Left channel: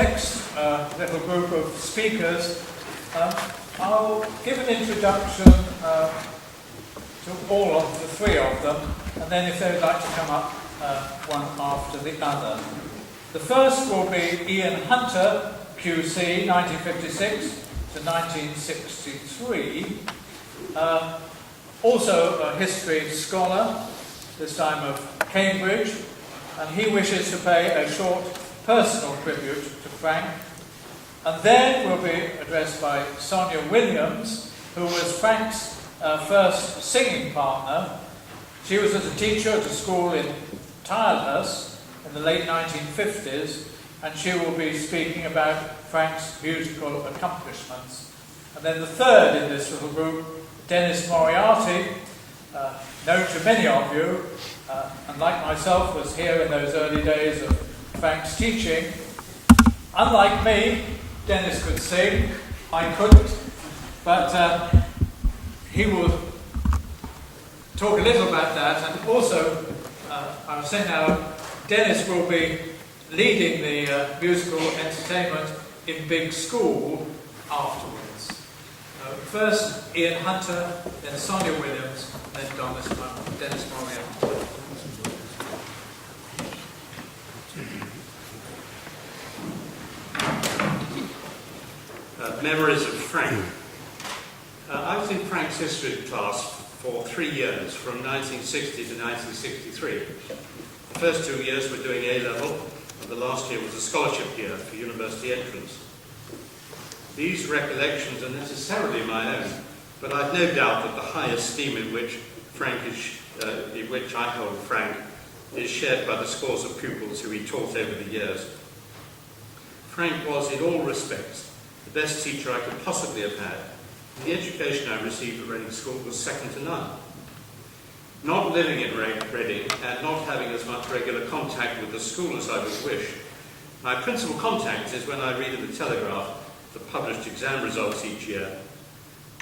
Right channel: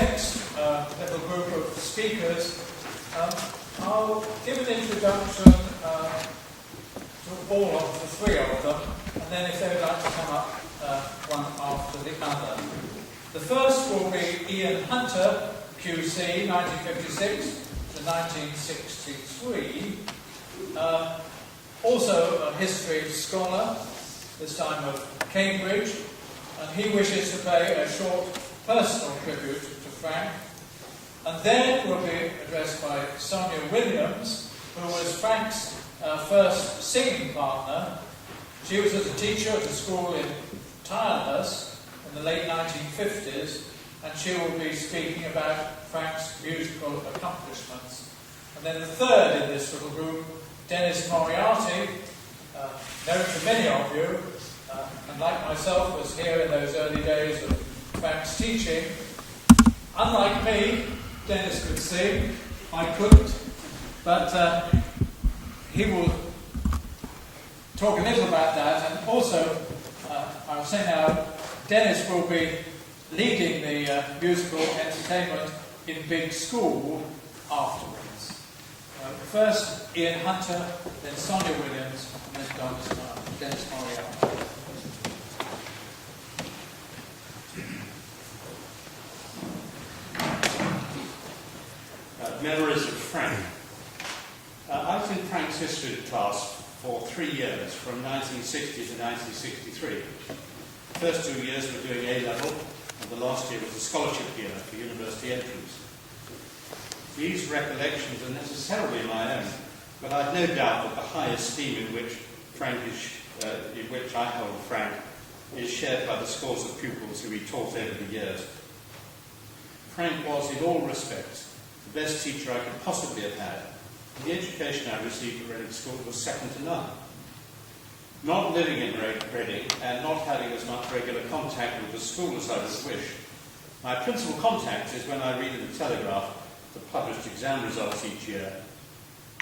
next little group of speakers, I'll give an introduction to all of the three of them, and then if they'd like to come up one after the other. The first will be Ian Hunter, QC, 1956 to 1963. Also a history scholar, this time of Cambridge, and he wishes to pay a short personal tribute to Frank. And then will be addressed by Sonia Williams, who was Frank's first singing partner. She was as a teacher at a school in Tilehurst in the late 1950s, and she will be speaking about Frank's musical accomplishments. And then the third in this little group, Dennis Moriarty, known to many of you, and like myself was here in those early days of Frank's teaching. Unlike me, Dennis could sing, I couldn't, but he will talk a little about that. And also, I was saying now, Dennis will be leading the musical entertainment in Big School afterwards. First, Ian Hunter, then Sonia Williams, and then Dennis Moriarty. Memories of Frank. I was in Frank's history class for 3 years, from 1960 to 1963. The first 2 years were doing A-level, and the last year was a scholarship year for university entrance. These recollections are necessarily my own, but I've no doubt that the high esteem in which I hold Frank is shared by the scores of pupils who he taught over the years. Frank was, in all respects, the best teacher I could possibly have had, and the education I received at Reading School was second to none. Not living in Reading and not having as much regular contact with the school as I would wish, my principal contact is when I read in the Telegraph the published exam results each year.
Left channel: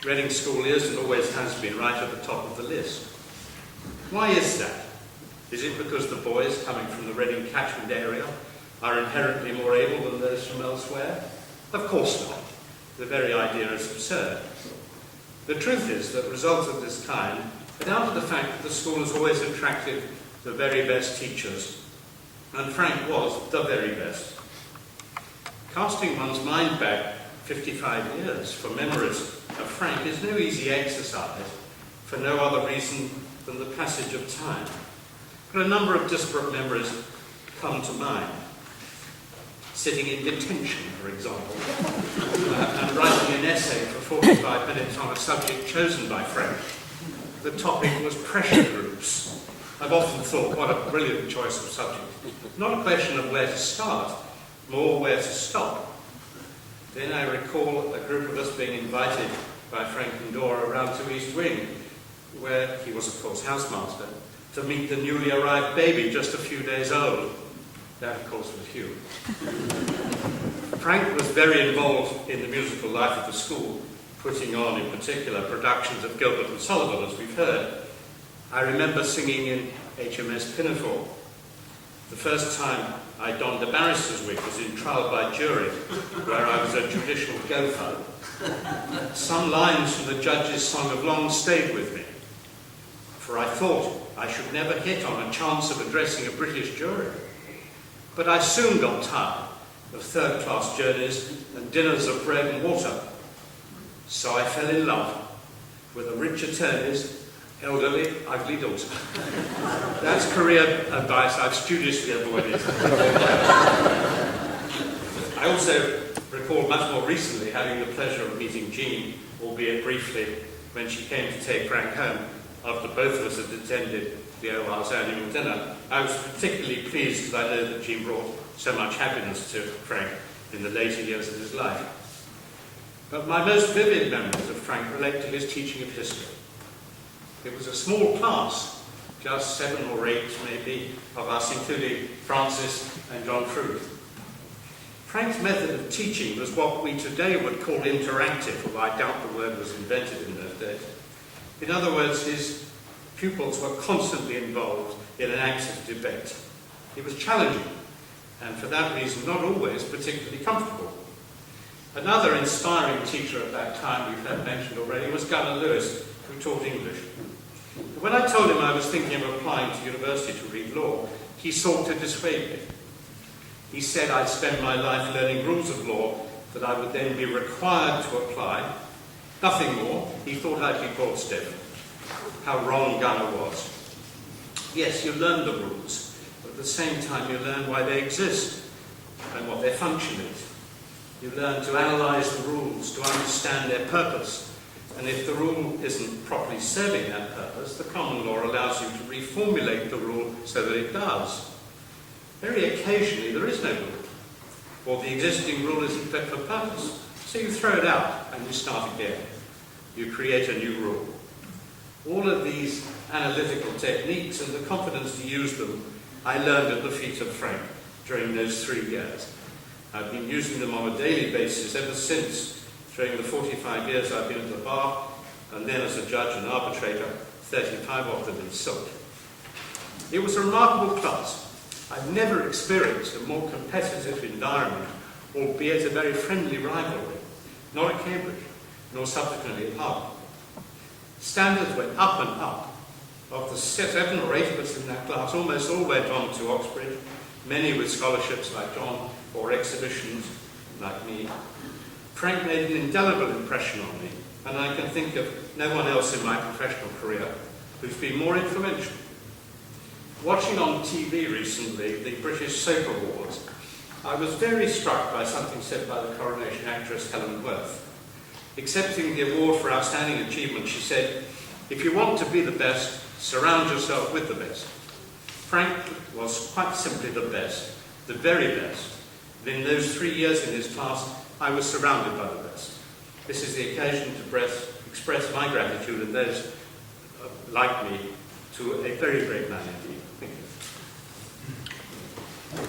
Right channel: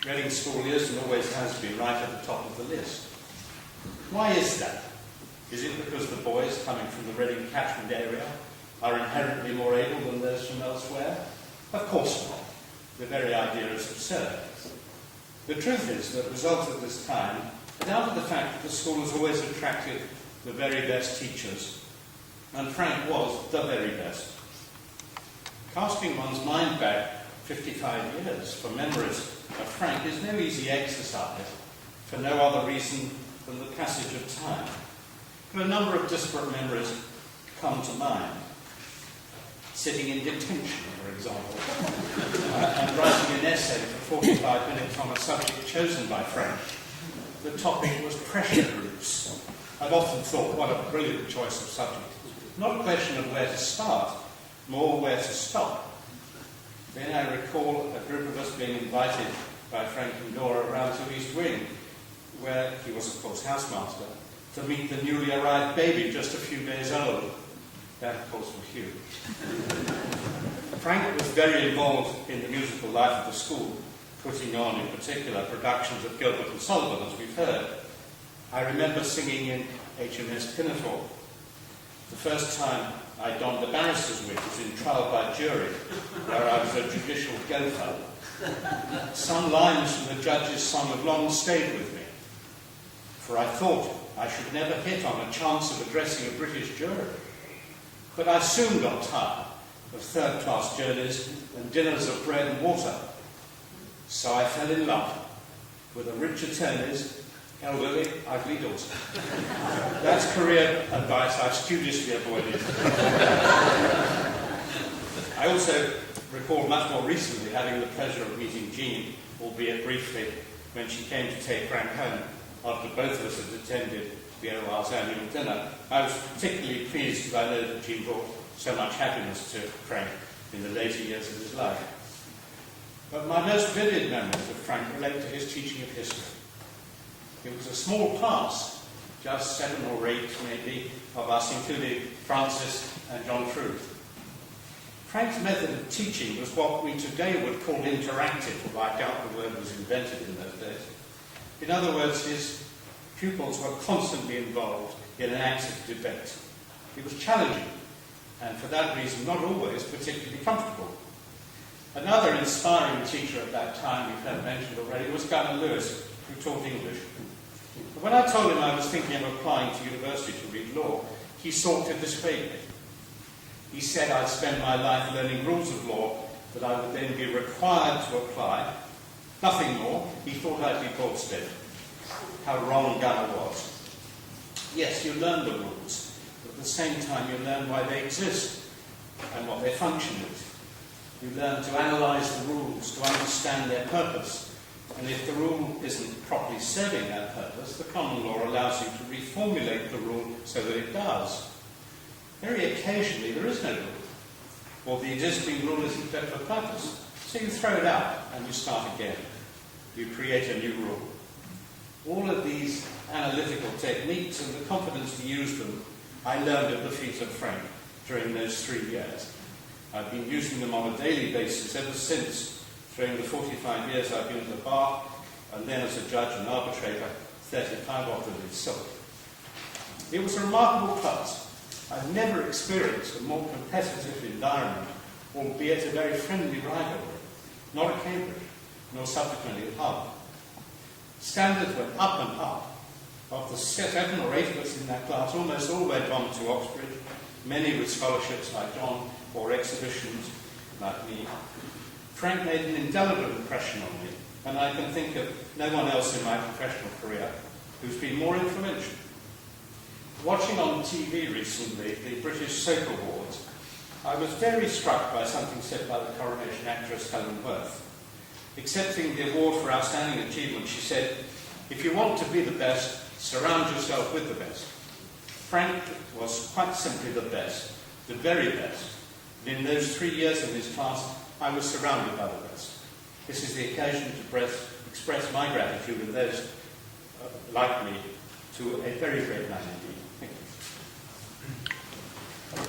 Reading School is and always has been right at the top of the list. Why is that? Is it because the boys coming from the Reading catchment area are inherently more able than those from elsewhere? Of course not. The very idea is absurd. The truth is that results of this kind are down to the fact that the school has always attracted the very best teachers, and Frank was the very best. Casting one's mind back 55 years for memories of Frank is no easy exercise, for no other reason than the passage of time. But a number of disparate memories come to mind. Sitting in detention, for example, and writing an essay for 45 minutes on a subject chosen by Frank. The topic was pressure groups. I've often thought, what a brilliant choice of subject. Not a question of where to start, more where to stop. Then I recall a group of us being invited by Frank and Dora around to East Wing, where he was, of course, housemaster, to meet the newly arrived baby just a few days old. That, of course, was Hugh. Frank was very involved in the musical life of the school, putting on, in particular, productions of Gilbert and Sullivan, as we've heard. I remember singing in HMS Pinafore. The first time I donned a barrister's wig was in Trial by Jury, where I was a judicial gopher. Some lines from the judge's song have long stayed with me, for I thought I should never hit on a chance of addressing a British jury. But I soon got tired of third-class journeys and dinners of bread and water. So I fell in love with a rich attorney's elderly, ugly daughter. That's career advice I've studiously avoided. I also recall much more recently having the pleasure of meeting Jean, albeit briefly, when she came to take Frank home after both of us had attended the OR's annual dinner. I was particularly pleased because I know that Jean brought so much happiness to Frank in the later years of his life. But my most vivid memories of Frank relate to his teaching of history. It was a small class, just 7 or 8 maybe, of us, including Francis and John Fruit. Frank's method of teaching was what we today would call interactive, although I doubt the word was invented in those days. In other words, his pupils were constantly involved in an active debate. It was challenging, and for that reason not always particularly comfortable. Another inspiring teacher at that time we've heard mentioned already was Gunnar Lewis, who taught English. When I told him I was thinking of applying to university to read law, he sought to dissuade me. He said I'd spend my life learning rules of law that I would then be required to apply. Nothing more. He thought I'd be bored stiff. How wrong Gunnar was. Yes, you learn the rules, but at the same time you learn why they exist and what their function is. You learn to analyse the rules, to understand their purpose. And if the rule isn't properly serving that purpose, the common law allows you to reformulate the rule so that it does. Very occasionally there is no rule, or the existing rule isn't fit for purpose. So you throw it out and you start again. You create a new rule. All of these analytical techniques and the confidence to use them, I learned at the feet of Frank during those 3 years. I've been using them on a daily basis ever since, during the 45 years I've been at the bar, and then as a judge and arbitrator, 35 of them in silk. It was a remarkable class. I've never experienced a more competitive environment, albeit a very friendly rivalry, not at Cambridge, nor subsequently at Harvard. Standards went up and up. Of the 7 or 8 of us in that class, almost all went on to Oxbridge, many with scholarships like John, or exhibitions like me. Frank made an indelible impression on me, and I can think of no one else in my professional career who's been more influential. Watching on TV recently the British Soap Awards, I was very struck by something said by the Coronation actress Helen Worth. Accepting the award for outstanding achievement, she said, "If you want to be the best, surround yourself with the best." Frank was quite simply the best, the very best. And in those 3 years in his class, I was surrounded by the best. This is the occasion to express my gratitude and those like me to a very great man indeed. Thank you.